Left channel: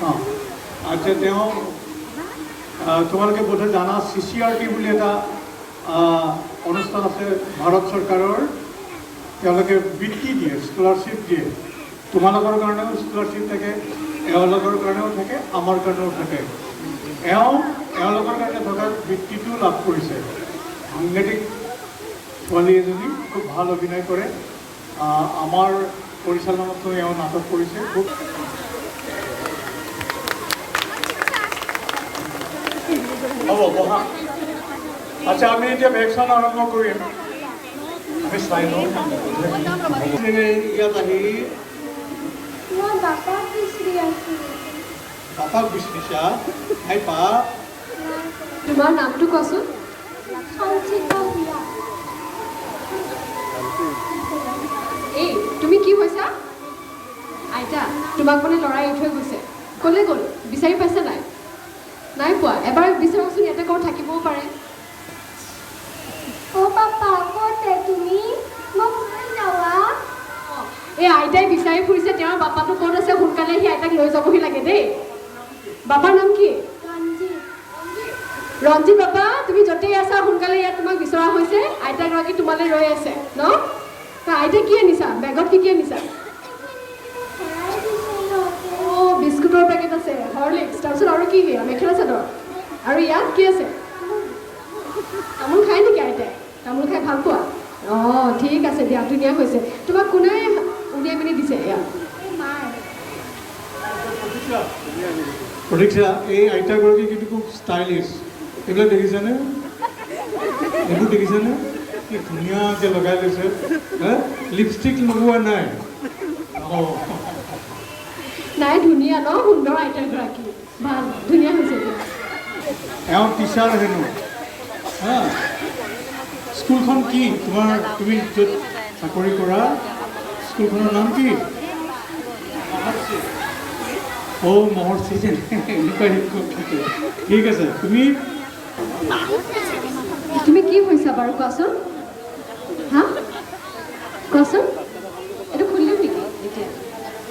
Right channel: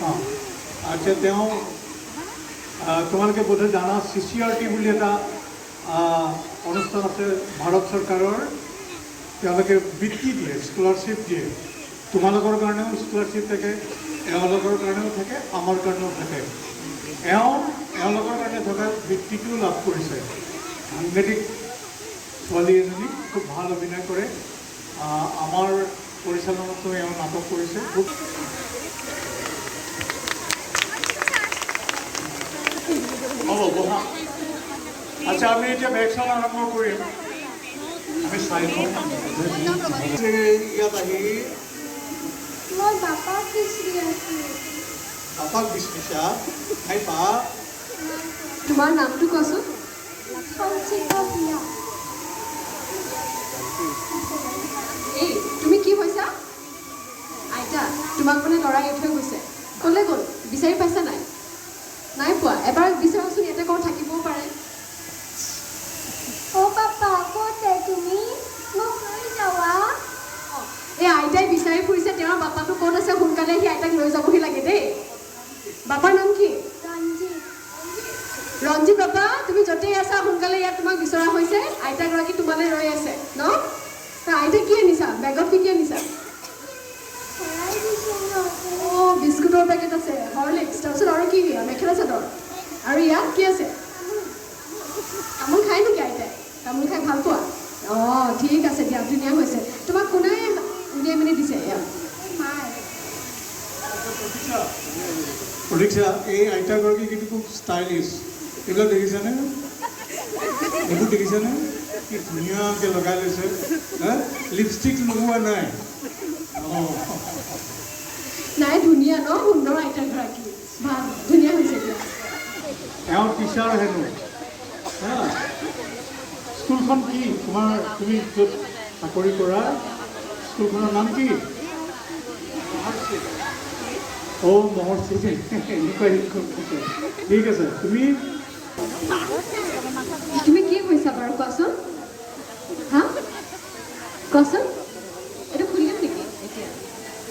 हाँ अच्छा তোমালোকে বোধ জানা CCRT বুলি এটা অনুষ্ঠান আছে ভাৰত চৰকাৰৰ তেওঁলোকে বৃত্তি দিয়ে স্কলাৰশ্বিপ দিয়ে তোমালোকৰ কাৰণেও স্কলাৰশ্বিপ থাকে এওঁলোকৰ কাৰণেও থাকে আমাৰ কাৰণেও থাকে এওঁলোকৰ কাৰণে থকা বৃত্তিটো লাভ কৰিছে সাংঘাতিক ছোৱালী এজনী খুব ভাল অভিনয় কৰে আমাৰ পৰিচালনাতো এওঁ নাটক কৰিছে খুব হ'ব বহা আচ্ছা আমি এতিয়া ভেকচিন আৰম্ভ কৰিম আমি চাই লওঁ ইয়াত আহি মই বাপাক বিচাৰি আছোঁ বাপাক বিচাৰিছা নাই পা তোমাৰ নামটো কোৱাচোন সঞ্চিতা বিয়া এই তুমি কি কৈছা আইতা তোমাক মানে লৰাই থৈ গৈছে ক'লে গ'ল বিচাৰি পাইছা নাই নাই পোৱা এবাৰ বিচাৰকচোন ইয়াতে ক'ত থাকিবও পাৰে অ' পাপা ক'তে তুমি মোক লৈ যাবা এই আইতাই বিচাৰি ফুৰিছে তেওঁৰ বাপাটো ক'ত আছে সোনকালে সি আইতাক লৈ যাবহি লাগে দেই বাপাৰ নাম কি ৰঞ্জিত ৰঞ্জিত বাবা তুমি য'তেই আছা সোনকালে ইয়াত তোমাক বিচৰা হৈছে আইতাগৰাকী তোমালৈ ৰৈ আছে ন আইতা কি আনিছা বেগত কি আনিছা অঁ বিস্কুটৰ পেকেট আছে হৰলিক্স তাৰপিছত আৰু কি মেখেলা চাদৰ আৰু ইয়াত কি আছে তামোল খাই নেকি আইতাই তামোল খাই ভাল পোৱা অঁ ঠিক আছে দিয়া ধুনীয়া হৈছে তোমাক কোনে উলিয়াই মেলি দিছে ইয়াত প্ৰতীক্ষা এই আইতাগৰাকী কিন্তু খুব ষ্টাইলিছ এইবিলাক দেখিছানে এইবোৰ দেখিছানে কি ধুনীয়াকৈ লগাই লৈছে লিপষ্টিক লগোৱা নাই অঁ নাই ধুনীয়া ন সুন্দৰ আইতাগৰাকী ভাল ধুনীয়া হৈছে দিয়া এওঁ টিচাৰ হেনো হা স্কুলখন কি তুমি য'ত চাকৰি কৰা স্কুলখনৰ নাম কি অ' মহৰ্ষি এনেকুৱা শিক্ষক থাকে ঠিক আছে তুমি কি কৈছা বাৰু কোৱাচোন হা কোৱাচোন এইটো খুলিম নেকি এতিয়া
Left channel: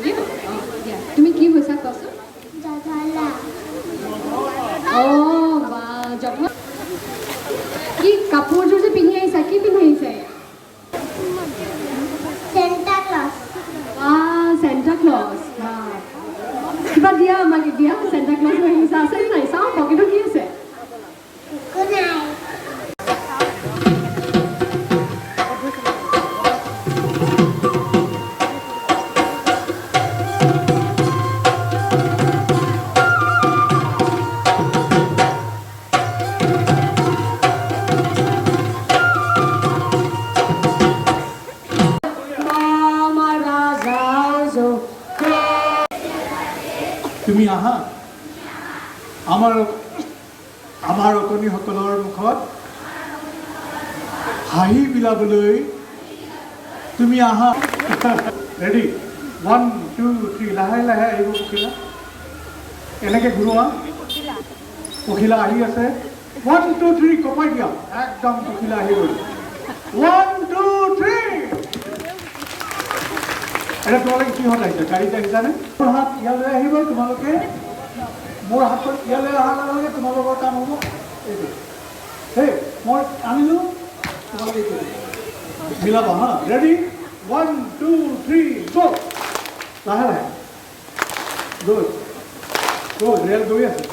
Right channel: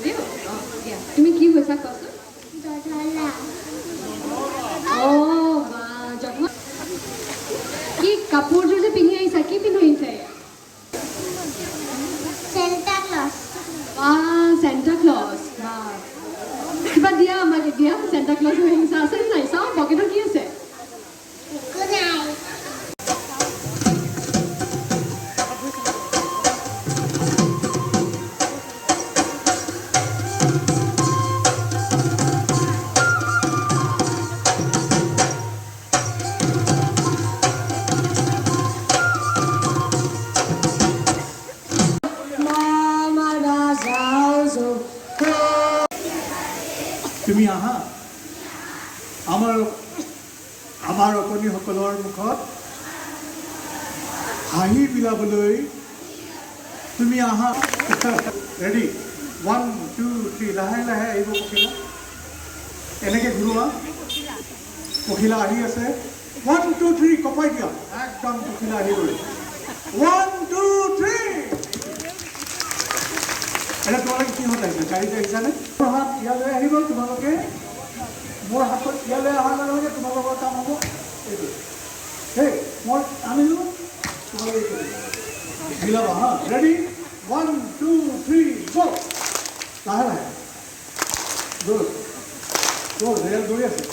দিয়া তুমি কি কৈছা কোৱাচোন অঁ বা জন্ম কি কাপোৰযোৰ যে পিন্ধি আহিছা কি পিন্ধি আহিছা চেণ্টা ক্লজ চেণ্টা ক্লজ কিবা দিয়া আমাক দিয়া চেণ্টা ক্লজ হৈ আহিছা আছে নাই চাওঁ পকেটত কি আছে একো নাই তুমি আহা আমাৰ অকণিসকলৰ মুখত হাঁহি বিলাবলৈ তুমি আহা ৰেডি 1 2 3 লাহে লাহে আহিব পখিলা এনেকৈ ঘূৰোৱা পখিলা আহি আছে 1 2 3 কপাই দিয়া একদম পখিলা আহি গ'ল 1 2 3 এটা তোমালোকে কিহত আহিছে গাড়ীত আহিছানে মোৰ হাত ইয়ালৈ আহিব তোমালোকে মোৰ হাতত ইয়ালৈ অহাৰ লগে লগে তোমালোকৰ কাম হ'ব এইটো সেই মই আনিলোঁ তোমালোকে এইটো মিলাবা হা ৰেডি 1 2 3 গো লাহে লাহে গ'ল ৰেল গৈ আছে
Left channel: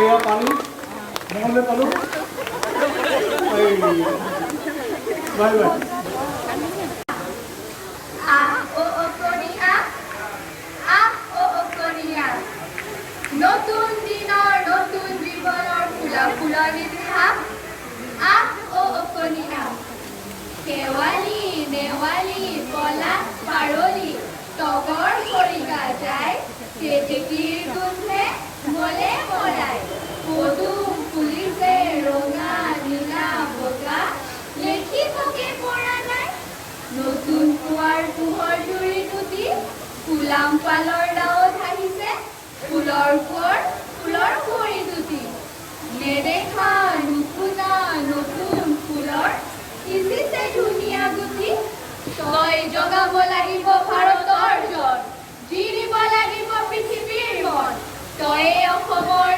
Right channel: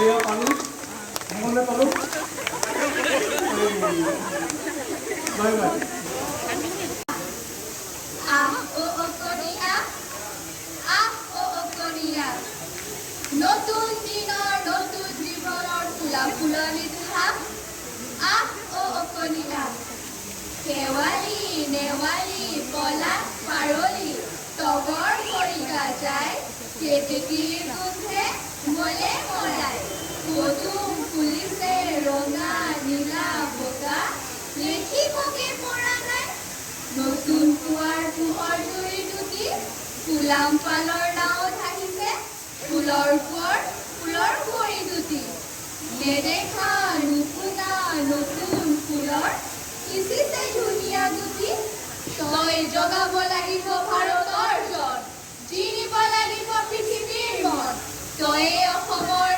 এয়া পালোঁ নহ'লে পালোঁ বাই বাই নতুন দিনৰ নতুন জীৱনৰ ফুলা ফুলনি অকণিয়া শেৱালি নেৱালি পলাশ পাৰলি তগৰ খৰিকা যায় কেতেকীৰ গোন্ধে মলে মৰাই পদুম ফুলিছে ৰঙা নীলা বগা লেখিবগে পৰা নাই নতুন কুৱাৰ পোহৰ জুৰি টুটি ফুলাম পালৰ নাৱত আহিছে ফুলৰ ওপৰত ফুলৰ ভৰি দুটি নেদেখা নুশুনা নতুন ফুলৰ সিঁচিছে ধুনীয়া গুটি তই জগাব লাগিব ভাৰতৰ জন জিৰিব লাগিব পৃথিৱীৰ মন তয়ে অসমৰ